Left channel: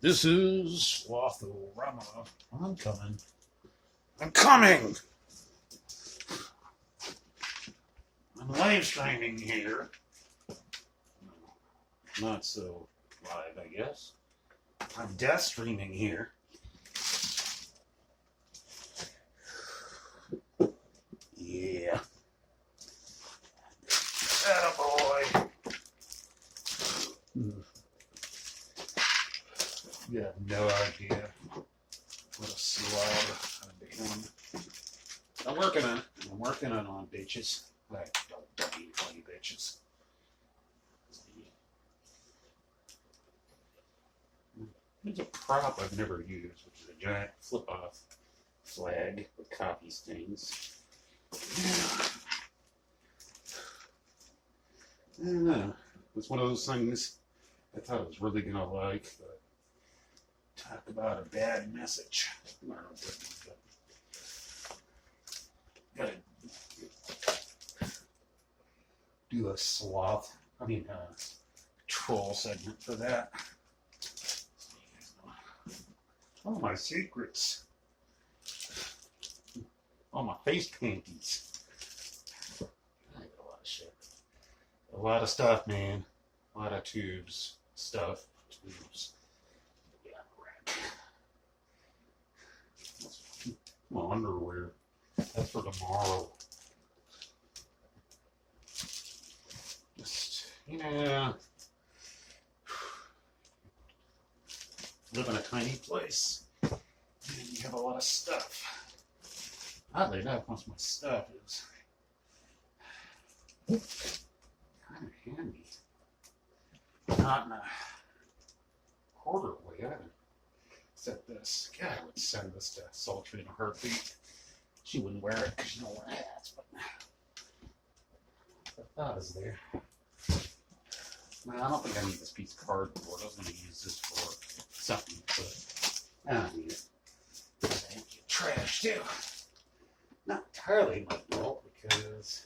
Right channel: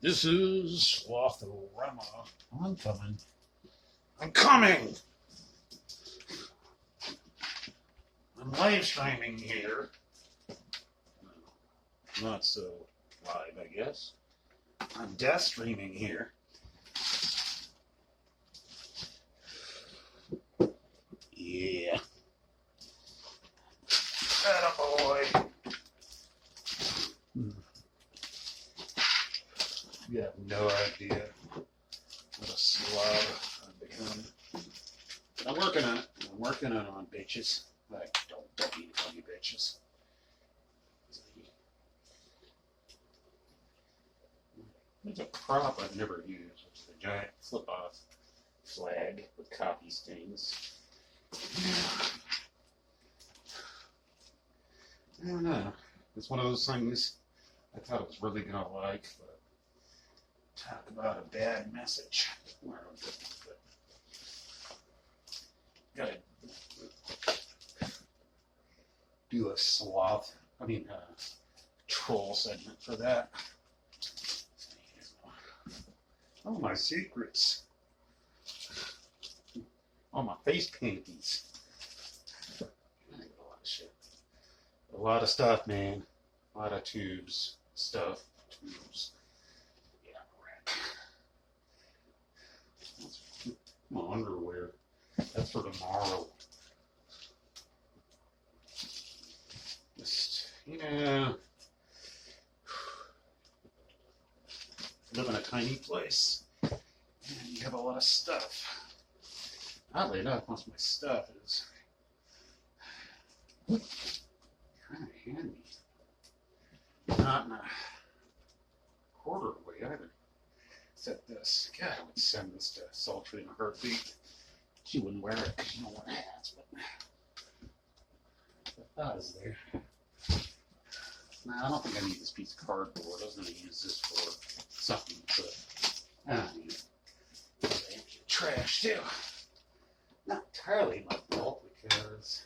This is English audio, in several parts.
This is Slothrama. I'm coming. I'm coming! I'm live streaming here. Not so live, I guess. I'm death streaming here. Yeah. Attaboy. You have no idea what a slob I've become. I'm working on it. I'm working on bitches. Like, don't be funny bitches. There's a prop I've never used, which is a giant flip-off flag with coffee stains. I don't know. It's one of those things I thought I was really gonna like, but talk about a bad message. Well, but gotta do a troll segment for that. All my secrets. All my face panties. I got a lot of shit. A lot of stuff, man. A lot of tubes. Stuff. Tubes. Yeah, right. My underwear. That's for tomorrow. Just, live in a tiny place. And you have a lot of stuff. Oddly enough, most of my stuff is kind of handy. Not in a hoarder way either. Except this. God, I would send this to Sultry in a heartbeat. She wouldn't wear it because she don't wear hats, but the thought is there. Now, I don't think I need this piece of cardboard. I was going to use this for something, but I don't need it. Because I empty trash too. Not entirely my fault, because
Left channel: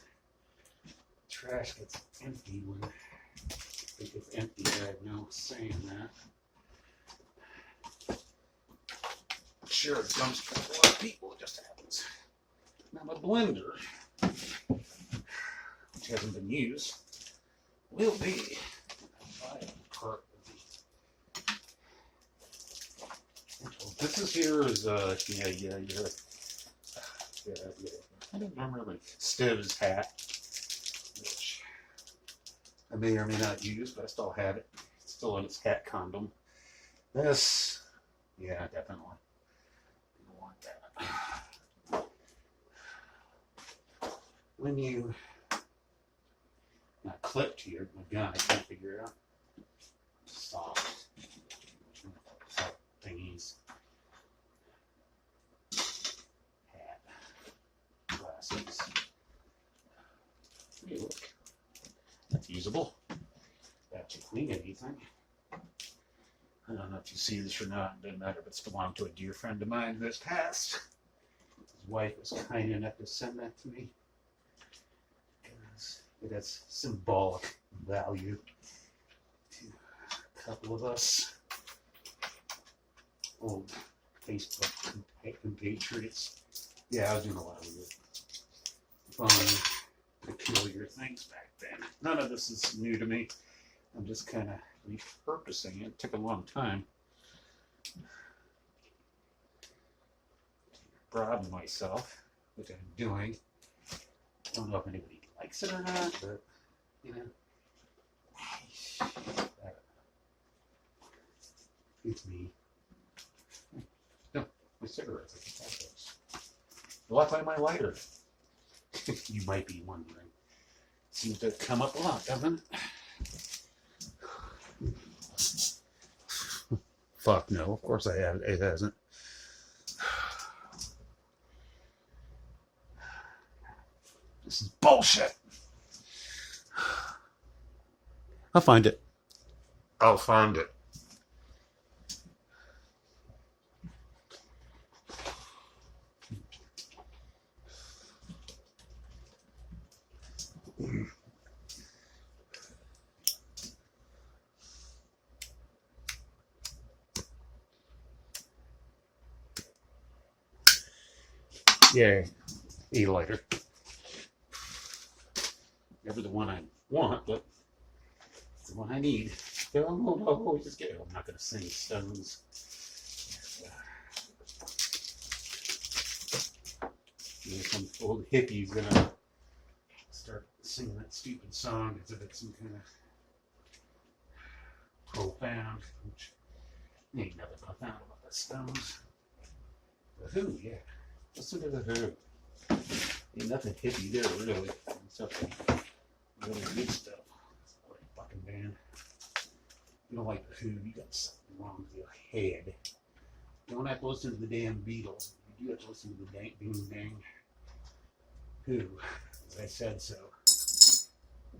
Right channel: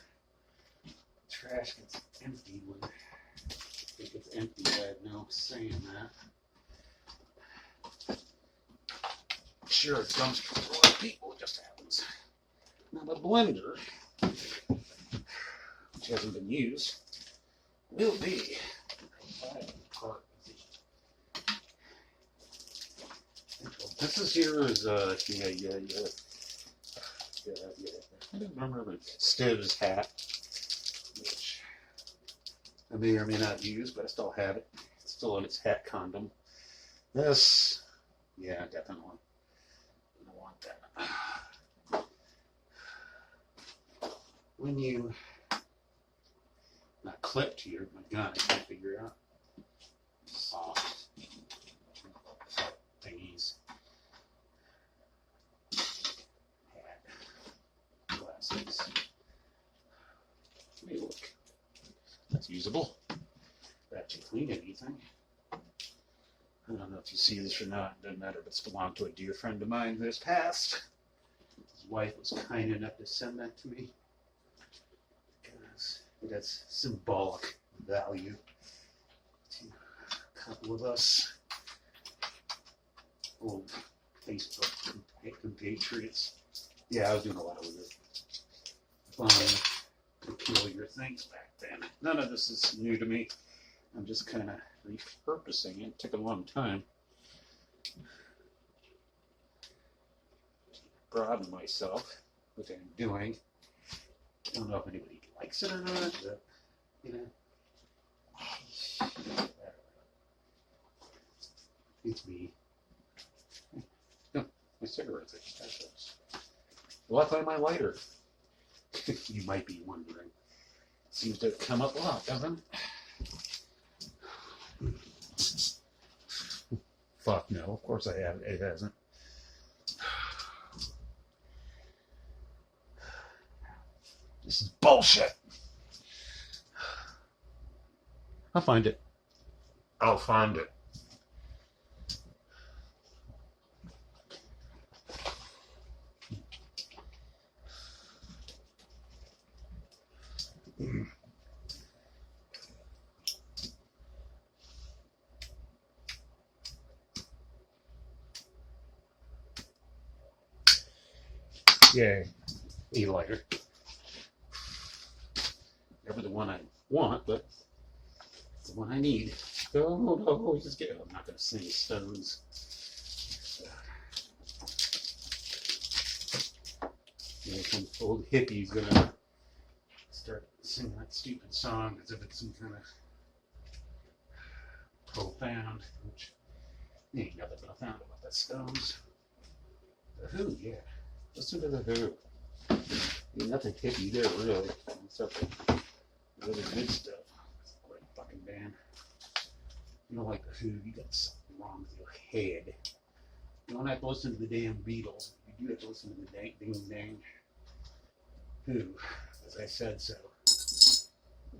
trash gets empty when it gets empty. I have no say in that. Sure, it dumpster for a lot of people, it just happens. Now my blender, which hasn't been used, will be part of the. This is here is I don't remember Stiv's hat, which I may or may not use, but I still have it. It's still in its hat condom. This, yeah, definitely. I want that. When you not clip to my gun, I can't figure out. Soft thingies. Hat. Glasses. Hey, look. That's usable. That should clean anything. I don't know if you see this or not. It doesn't matter, but it's belonged to a dear friend of mine who has passed. His wife was kind enough to send that to me. Because it has symbolic value to a couple of us old Facebook compatriots. Yeah, I was doing a lot of weird, fun, peculiar things back then. None of this is new to me. I'm just kind of repurposing it. It took a long time to broaden myself, which I'm doing. I don't know if anybody likes it or not, but it's me. No, my cigarettes. I just had those. Well, I find my lighter. You might be wondering. Seems to come up a lot, doesn't it? Fuck no, of course I have. It hasn't. This is bullshit. I'll find it. I'll find it. Yay. A lighter. Never the one I want, but it's the one I need. Oh, just get it. I'm not going to sing stones. Some old hippie's going to start singing that stupid song as if it's some kind of profound, which ain't nothing profound about the Stones. The Who, yeah. Listen to the Who. Ain't nothing hippie there, really. Except for really good stuff. It's a great fucking band. You don't like the Who, you got something wrong with your head. You don't have to listen to the damn Beatles. You do have to listen to the dang Who, as I said so.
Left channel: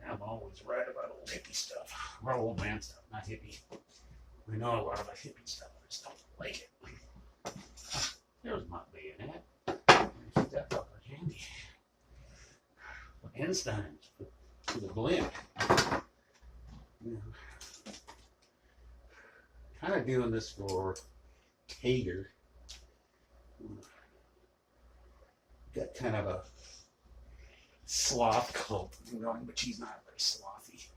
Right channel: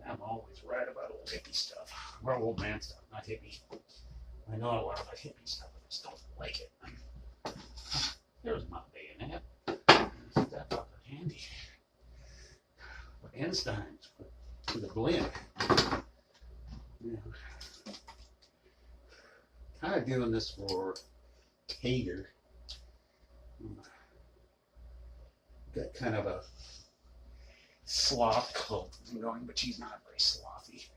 I'm always right about old hippie stuff. Or old man stuff, not hippie. I know a lot about hippie stuff, I just don't like it. There's my bayonet. Keep that fucker handy. For Einstein's, for the blend. You know, kind of doing this for Tater. Got kind of a sloth cult going, but she's not very slothy.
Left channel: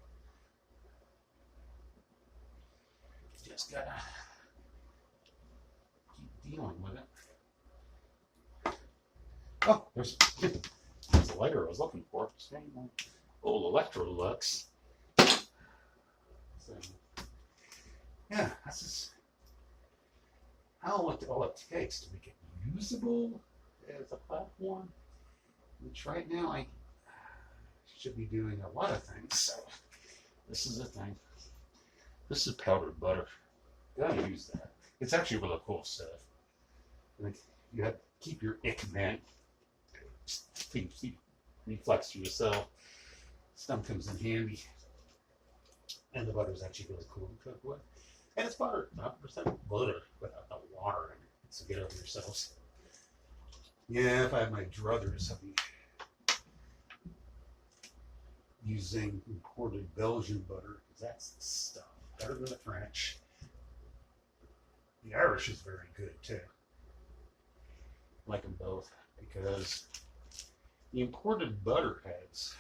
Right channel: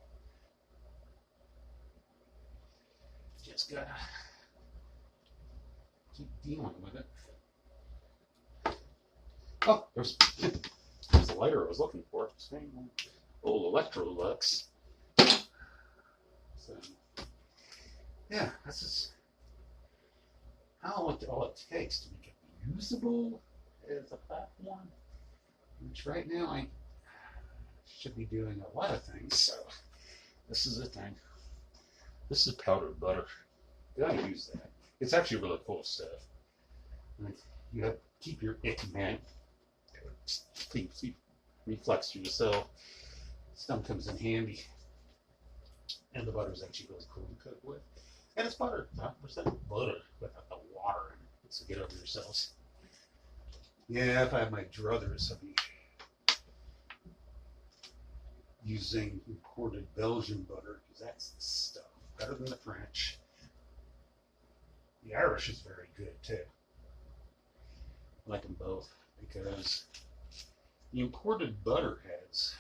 Just gotta keep dealing with it. Oh, there's the lighter I was looking for. Old Electrolux. So, yeah, that's just how all it takes to make it usable as a platform. Which right now I should be doing a lot of things. So this is the thing. This is powdered butter. Gotta use that. It's actually really cool stuff. Like you have to keep your ick man reflex through the cell. Stuff comes in handy. And the butter is actually really cool to cook with. And it's butter, 100% butter without the water in it. So get over yourselves. Yeah, if I have my druthers, I'll be using imported Belgian butter because that's the stuff. Better than the French. The Irish is very good too. I like them both because the imported butter has,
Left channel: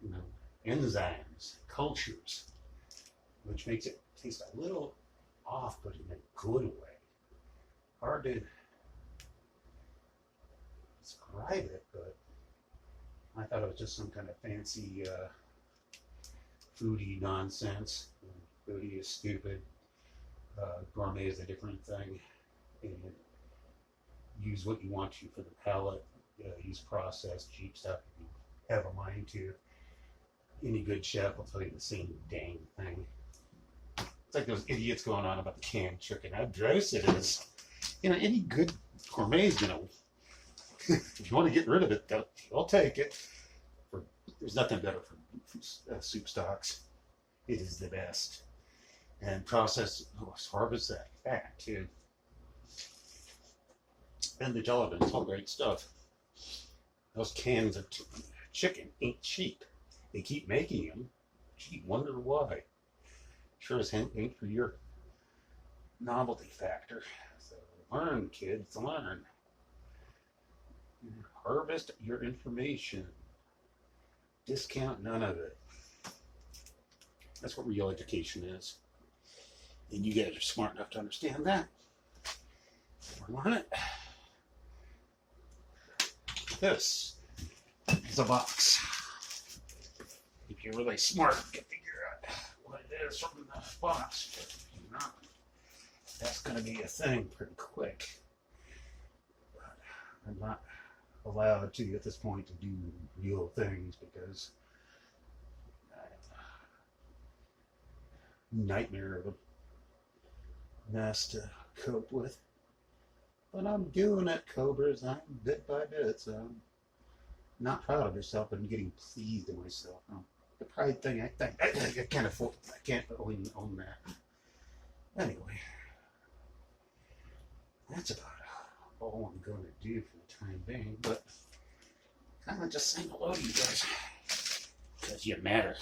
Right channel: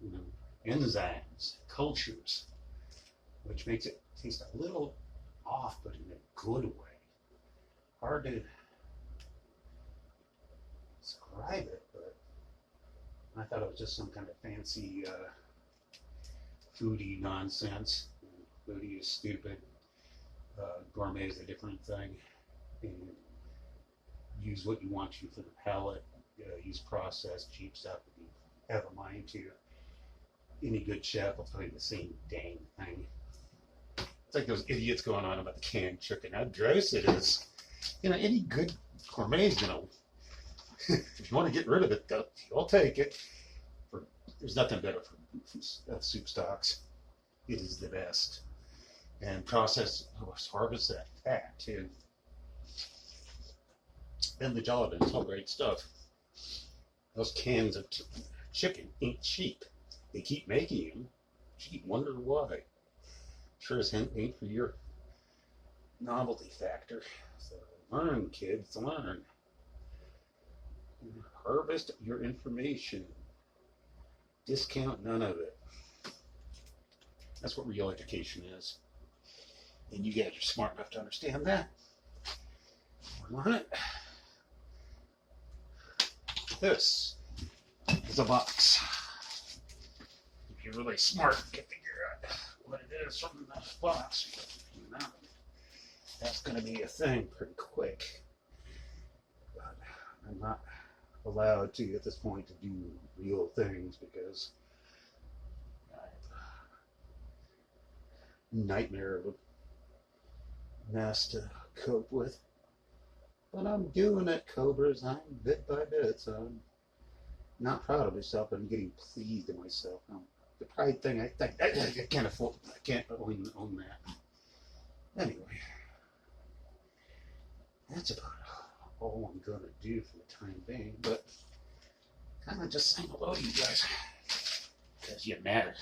you know, enzymes, cultures, which makes it taste a little off, but in a good way. Hard to describe it, but I thought it was just some kind of fancy foodie nonsense. Foodie is stupid. Gourmet is a different thing. And use what you want to for the palate. Use processed, cheap stuff if you have a mind to. Any good chef will tell you the same dang thing. It's like those idiots going on about the canned chicken, how gross it is. You know, any good gourmet is gonna. If you want to get rid of it, they'll take it. There's nothing better for soup stocks. It is the best. And harvest that fat too. And the Jalapeno, it's all great stuff. Those cans of chicken ain't cheap. They keep making them. Gee, wonder why. Sure as hell ain't for your novelty factor. So learn, kids, learn. Harvest your information. Discount none of it. That's what real education is. And you guys are smart enough to understand that. Learn it. This is a box. If you're really smart, you can figure out what it is from the box. But if you're not, that's going to be a thing pretty quick. But I'm not allowed to at this point to do real things because I have a nightmare of a mess to cope with. But I'm doing it, Cobras. I'm bit by bit, so I'm not proud of myself, but I'm getting pleased in myself. The pride thing, I think I can't afford. I can't own that. Anyway, that's about all I'm gonna do for the time being. But kind of just saying hello to you guys because you matter.